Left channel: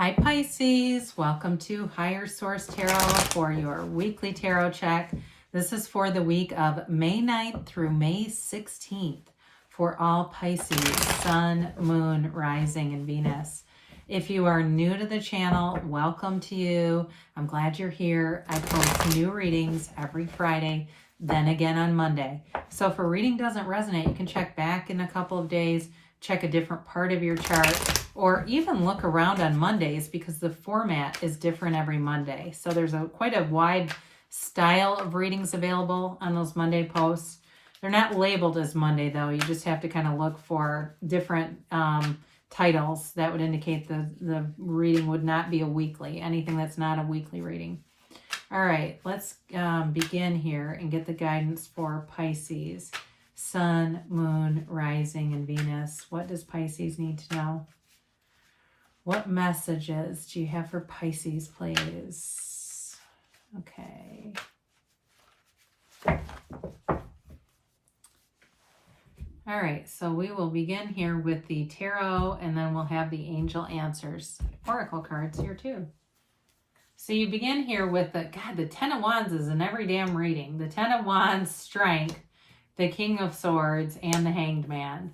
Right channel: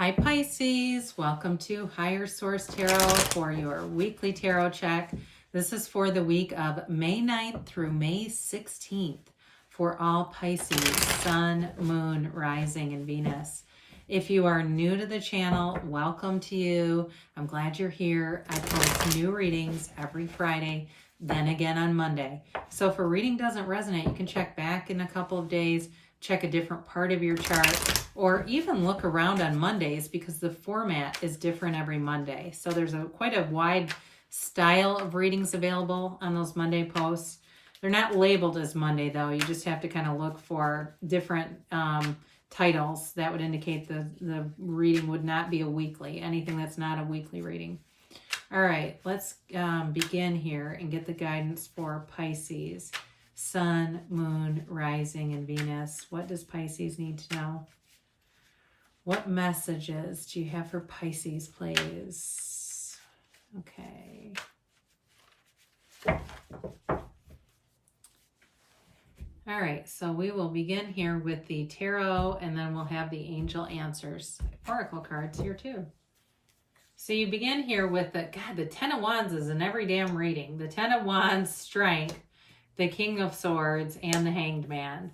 Hi Pisces, welcome to Higher Source Tarot for your weekly tarot check. This is for the week of May 9th through May 16th for all Pisces, Sun, Moon, Rising, and Venus. If you are new to the channel, welcome to you. I'm glad you're here. I post new readings every Friday, then again on Monday. So if a reading doesn't resonate, you can check back in a couple of days, check a different part of your chart, or even look around on Mondays because the format is different every Monday. So there's quite a wide style of readings available on those Monday posts. They're not labeled as Monday though. You just have to kind of look for different titles that would indicate the reading would not be a weekly, anything that's not a weekly reading. All right, let's begin here and get the guidance for Pisces. Sun, Moon, Rising, and Venus. What does Pisces need to know? What messages do you have for Pisces, please? Okay. All right, so we will begin here with the tarot, and then we'll have the angel answers. Oracle cards here too. So you begin here with the Ten of Wands is in every damn reading. The Ten of Wands, Strength, the King of Swords, and the Hanged Man.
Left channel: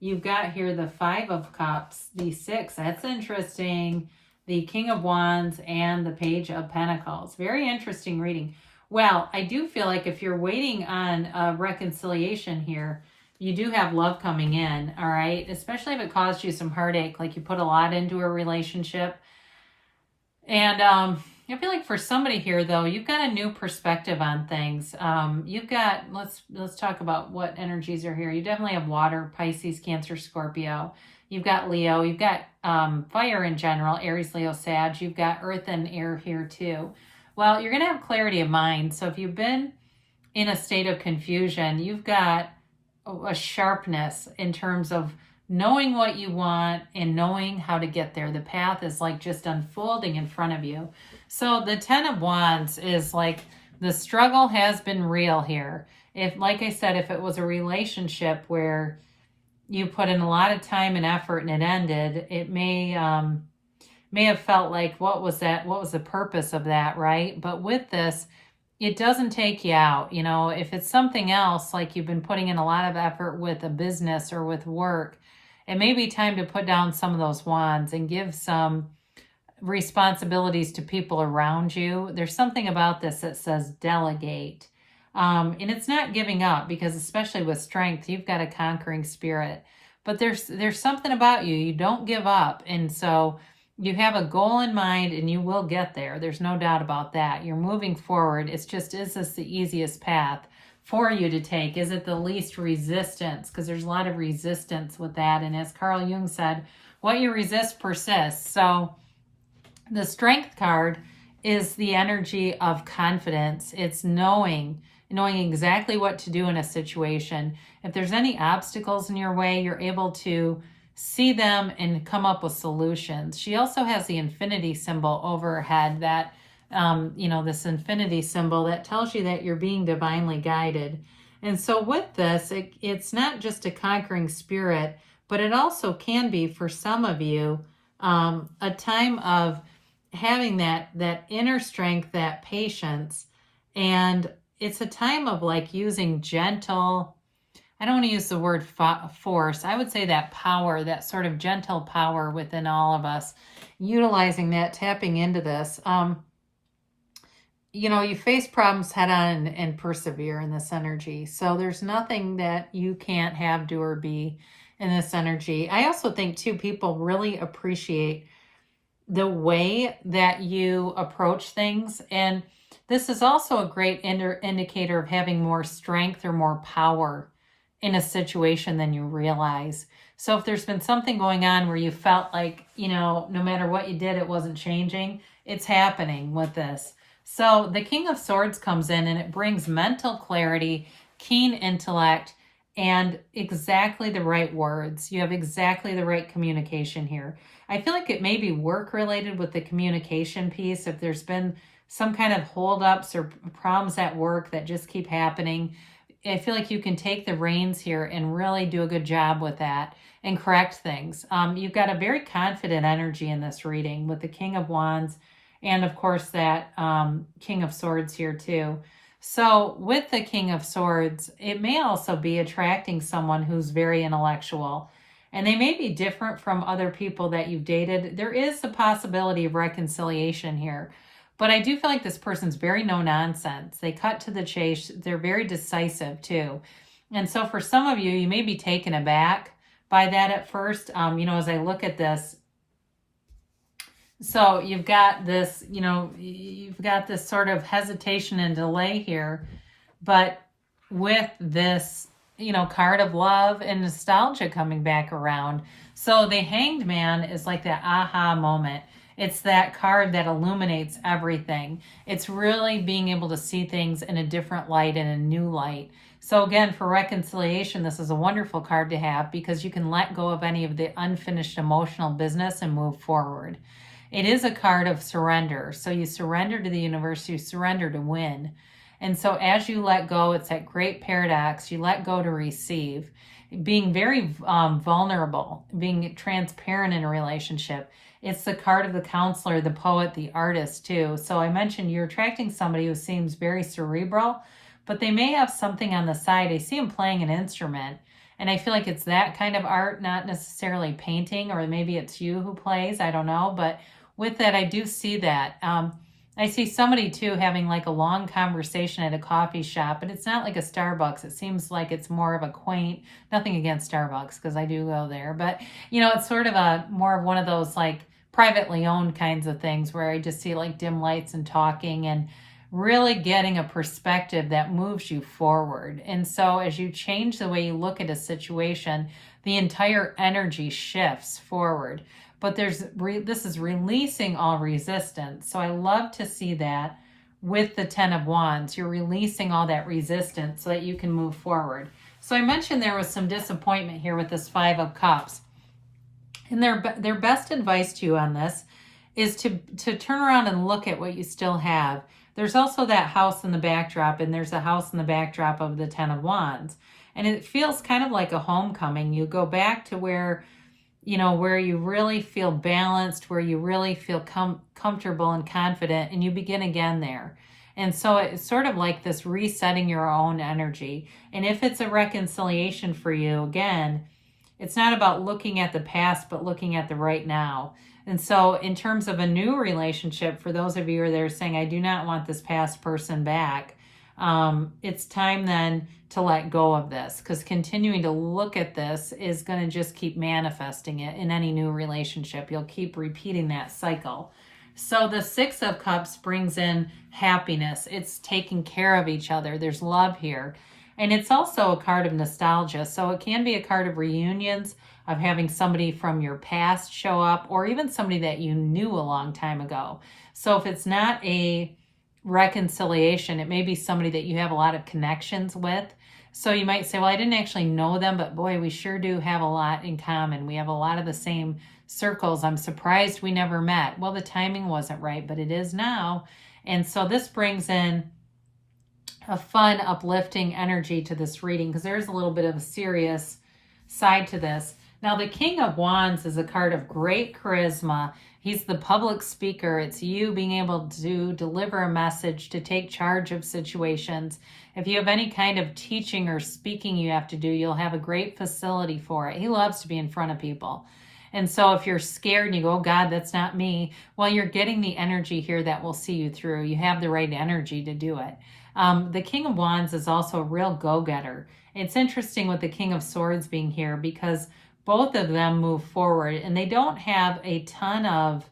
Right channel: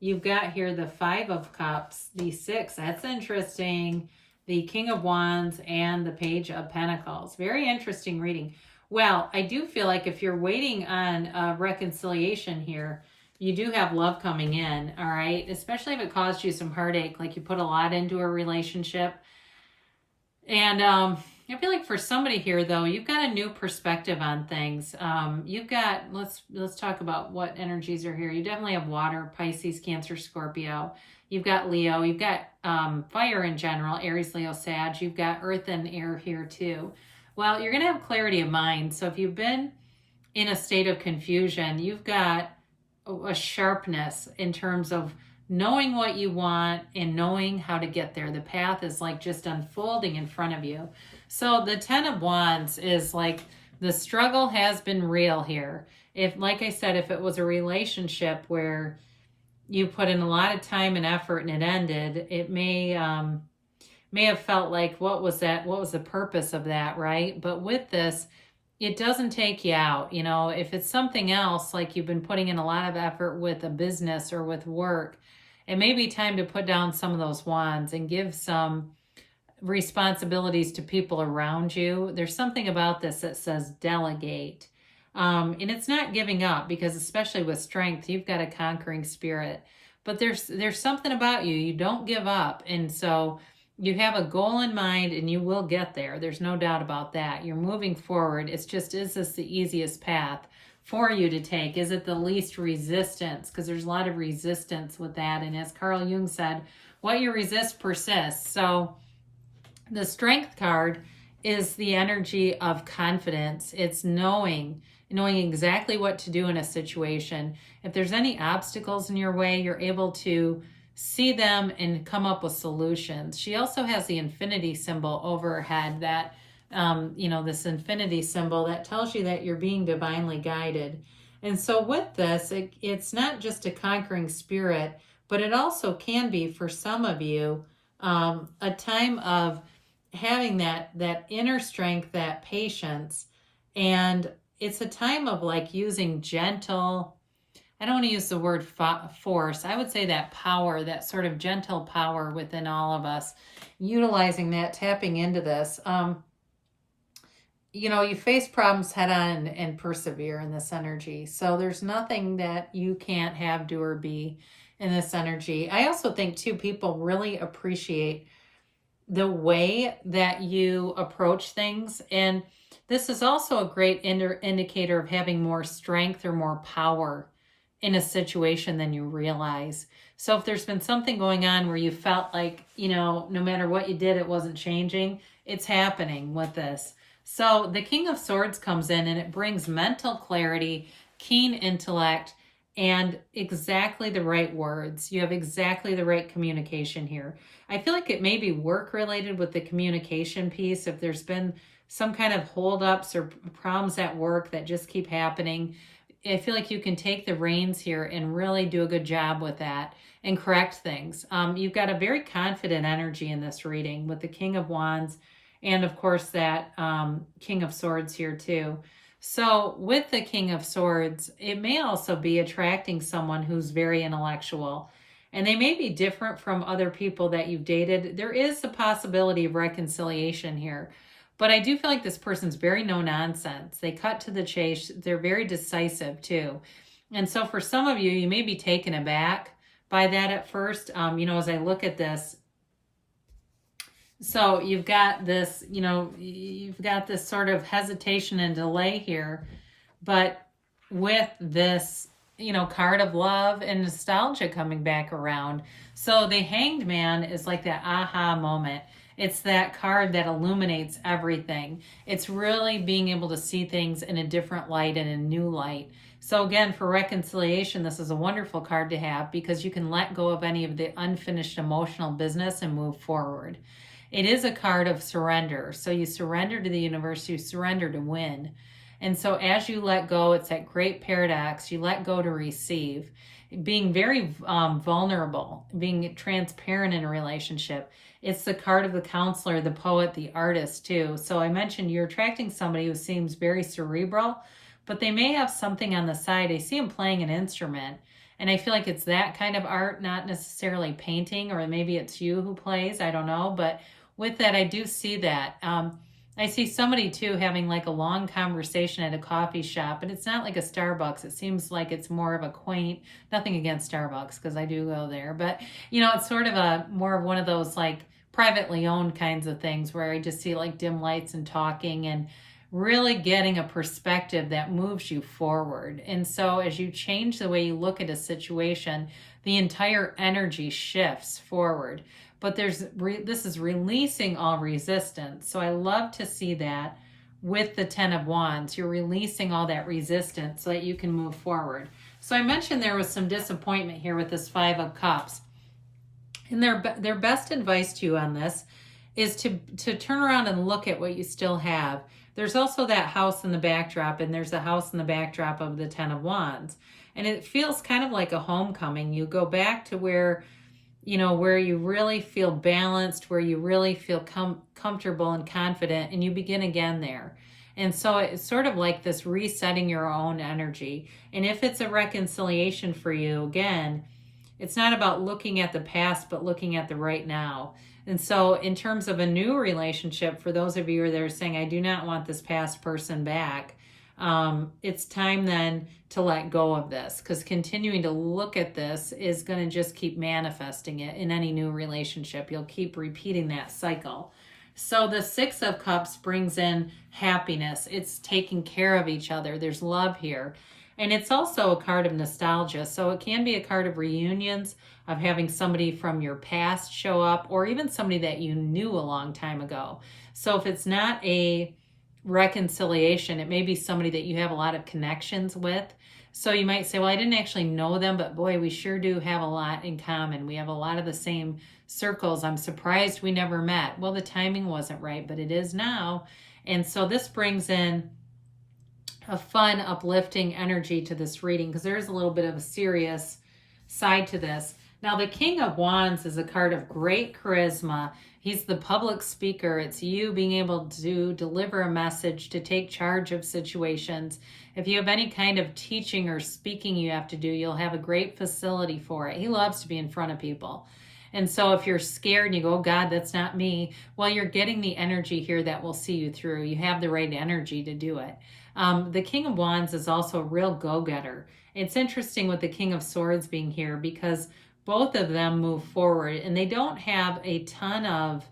You've got here the Five of Cups, the Six, that's interesting, the King of Wands, and the Page of Pentacles. Very interesting reading. Well, I do feel like if you're waiting on a reconciliation here, you do have love coming in, all right? Especially if it caused you some heartache, like you put a lot into a relationship. And I feel like for somebody here, though, you've got a new perspective on things. You've got, let's talk about what energies are here. You definitely have water, Pisces, Cancer, Scorpio. You've got Leo. You've got fire in general, Aries, Leo, Sag. You've got earth and air here, too. Well, you're going to have clarity of mind. So if you've been in a state of confusion, you've got a sharpness in terms of knowing what you want and knowing how to get there. The path is like just unfolding in front of you. So the Ten of Wands is like the struggle has been real here. If, like I said, if it was a relationship where you put in a lot of time and effort and it ended, it may have felt like, what was that? What was the purpose of that, right? But with this, it doesn't take you out. You know, if it's something else, like you've been putting in a lot of effort with a business or with work, it may be time to put down some of those wands and give some responsibilities to people around you. There's something about this that says delegate. And it's not giving up, because especially with strength, you've got a conquering spirit. But there's something about you. You don't give up. And so you have a goal in mind and you will get there. There's no doubt about that. You're moving forward. It's just, is this the easiest path for you to take? Is it the least resistance? Because there's a lot of resistance with that. And as Carl Jung said, what you resist persists. So the Strength card is the energy of confidence. It's knowing exactly what to do in a situation. If there's any obstacles in your way, you're able to see them and come up with solutions. She also has the infinity symbol over her head, that this infinity symbol that tells you that you're being divinely guided. And so with this, it's not just a conquering spirit, but it also can be, for some of you, a time of having that inner strength, that patience. And it's a time of like using gentle, I don't want to use the word force. I would say that power, that sort of gentle power within all of us, utilizing that, tapping into this. You face problems head on and persevere in this energy. So there's nothing that you can't have, do, or be in this energy. I also think too, people really appreciate the way that you approach things. And this is also a great indicator of having more strength or more power in a situation than you realize. So if there's been something going on where you felt like, no matter what you did, it wasn't changing, it's happening with this. So the King of Swords comes in and it brings mental clarity, keen intellect, and exactly the right words. You have exactly the right communication here. I feel like it may be work related with the communication piece. If there's been some kind of holdups or problems at work that just keep happening, I feel like you can take the reins here and really do a good job with that. and correct things. You've got a very confident energy in this reading with the King of Wands and, of course, that King of Swords here too. So with the King of Swords, it may also be attracting someone who's very intellectual. And they may be different from other people that you've dated. There is a possibility of reconciliation here. But I do feel like this person's very no nonsense. They cut to the chase. They're very decisive too. And so for some of you, you may be taken aback by that at first. As I look at this, so you've got this, you've got this sort of hesitation and delay here. But with this, card of love and nostalgia coming back around. So the Hanged Man is like that aha moment. It's that card that illuminates everything. It's really being able to see things in a different light and a new light. So again, for reconciliation, this is a wonderful card to have because you can let go of any of the unfinished emotional business and move forward. It is a card of surrender. So you surrender to the universe, you surrender to win. And so as you let go, it's that great paradox. You let go to receive, being very vulnerable, being transparent in a relationship. It's the card of the counselor, the poet, the artist too. So I mentioned you're attracting somebody who seems very cerebral, but they may have something on the side. I see them playing an instrument. And I feel like it's that kind of art, not necessarily painting, or maybe it's you who plays. I don't know. But with that, I do see that. I see somebody too having like a long conversation at a coffee shop, but it's not like a Starbucks. It seems like it's more of a quaint, nothing against Starbucks because I do go there, but it's sort of a more of one of those like privately owned kinds of things where I just see like dim lights and talking and really getting a perspective that moves you forward. And so as you change the way you look at a situation, the entire energy shifts forward. But this is releasing all resistance. So I love to see that with the Ten of Wands. You're releasing all that resistance so that you can move forward. So I mentioned there was some disappointment here with this Five of Cups. And their best advice to you on this is to turn around and look at what you still have. There's also that house in the backdrop, and there's a house in the backdrop of the Ten of Wands. And it feels kind of like a homecoming. You go back to where you really feel balanced, where you really feel comfortable and confident, and you begin again there. And so it's sort of like this resetting your own energy. And if it's a reconciliation for you, again, it's not about looking at the past, but looking at the right now. And so in terms of a new relationship, for those of you that are saying, I do not want this past person back, it's time then to let go of this, because continuing to look at this is going to just keep manifesting it in any new relationship. You'll keep repeating that cycle. So the Six of Cups brings in happiness. It's taking care of each other. There's love here. And it's also a card of nostalgia. So it can be a card of reunions, of having somebody from your past show up, or even somebody that you knew a long time ago. So if it's not a reconciliation, it may be somebody that you have a lot of connections with. So you might say, well, I didn't actually know them, but boy, we sure do have a lot in common. We have a lot of the same circles. I'm surprised we never met. Well, the timing wasn't right, but it is now. And so this brings in a fun, uplifting energy to this reading, because there's a little bit of a serious side to this. Now, the King of Wands is a card of great charisma. He's the public speaker. It's you being able to deliver a message, to take charge of situations. If you have any kind of teaching or speaking you have to do, you'll have a great facility for it. He loves to be in front of people. And so if you're scared and you go, oh God, that's not me, well, you're getting the energy here that will see you through. You have the right energy to do it. The King of Wands is also a real go-getter. It's interesting with the King of Swords being here because both of them move forward and they don't have a ton of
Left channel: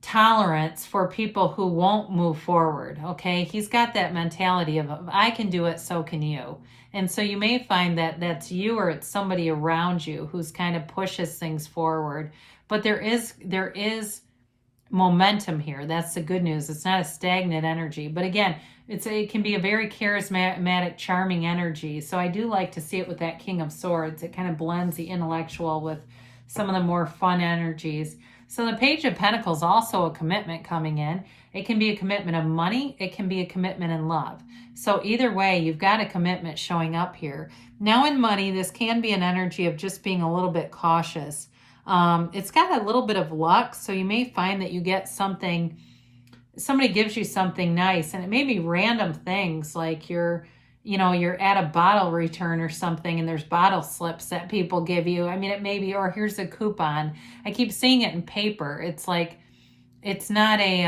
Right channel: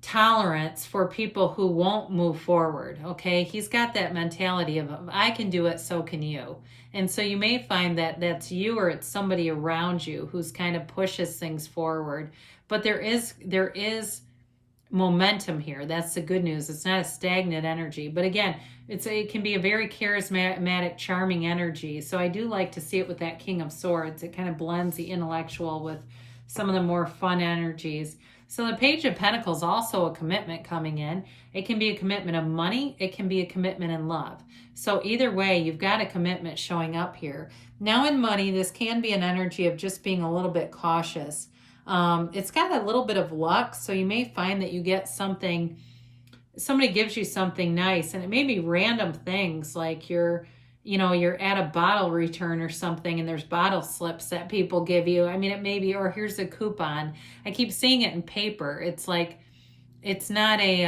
tolerance for people who won't move forward. Okay, he's got that mentality of I can do it, so can you. And so you may find that that's you or it's somebody around you who's kind of pushes things forward. But there is momentum here. That's the good news. It's not a stagnant energy. But again, it can be a very charismatic, charming energy. So I do like to see it with that King of Swords. It kind of blends the intellectual with some of the more fun energies. So the Page of Pentacles, also a commitment coming in. It can be a commitment of money. It can be a commitment in love. So either way, you've got a commitment showing up here. Now in money, this can be an energy of just being a little bit cautious. It's got a little bit of luck, so you may find that you get something, somebody gives you something nice, and it may be random things like you're at a bottle return or something, and there's bottle slips that people give you. I mean, it may be, or here's a coupon. I keep seeing it in paper. It's like, it's not a,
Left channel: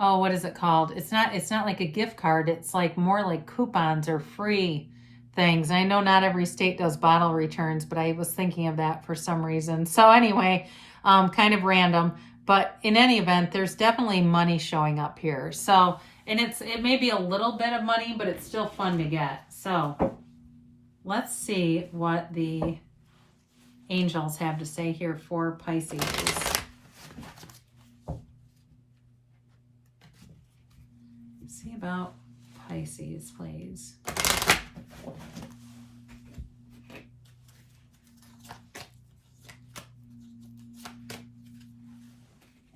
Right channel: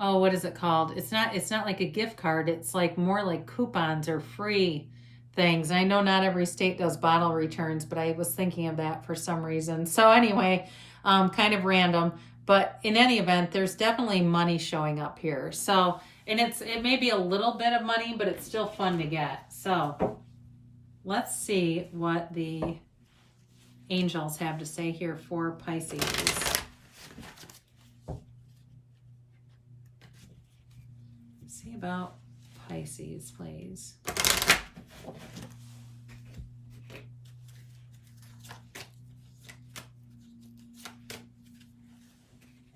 oh, what is it called? It's not like a gift card. It's like more like coupons or free things. And I know not every state does bottle returns, but I was thinking of that for some reason. So anyway, kind of random, but in any event, there's definitely money showing up here. So, and it may be a little bit of money, but it's still fun to get. So let's see what the angels have to say here for Pisces. See about Pisces, please.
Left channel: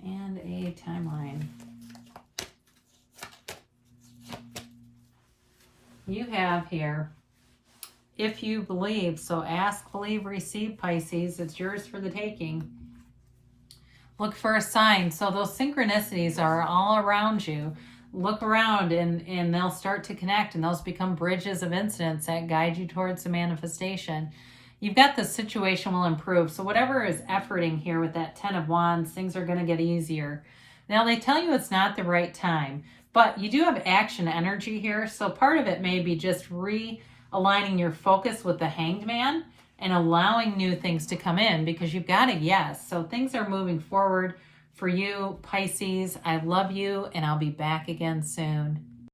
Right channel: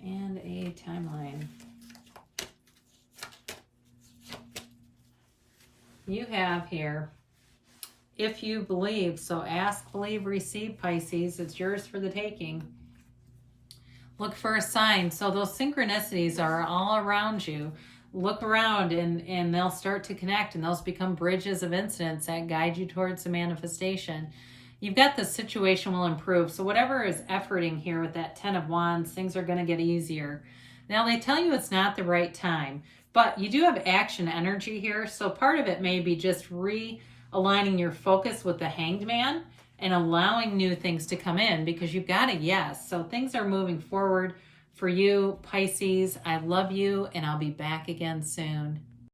And a timeline. You have here, if you believe, so ask, believe, receive, Pisces. It's yours for the taking. Look for a sign. So those synchronicities are all around you. Look around and they'll start to connect, and those become bridges of incidents that guide you towards the manifestation. You've got the situation will improve. So whatever is efforting here with that 10 of Wands, things are going to get easier. Now they tell you it's not the right time, but you do have action energy here. So part of it may be just realigning your focus with the Hanged Man and allowing new things to come in, because you've got a yes. So things are moving forward for you, Pisces. I love you, and I'll be back again soon.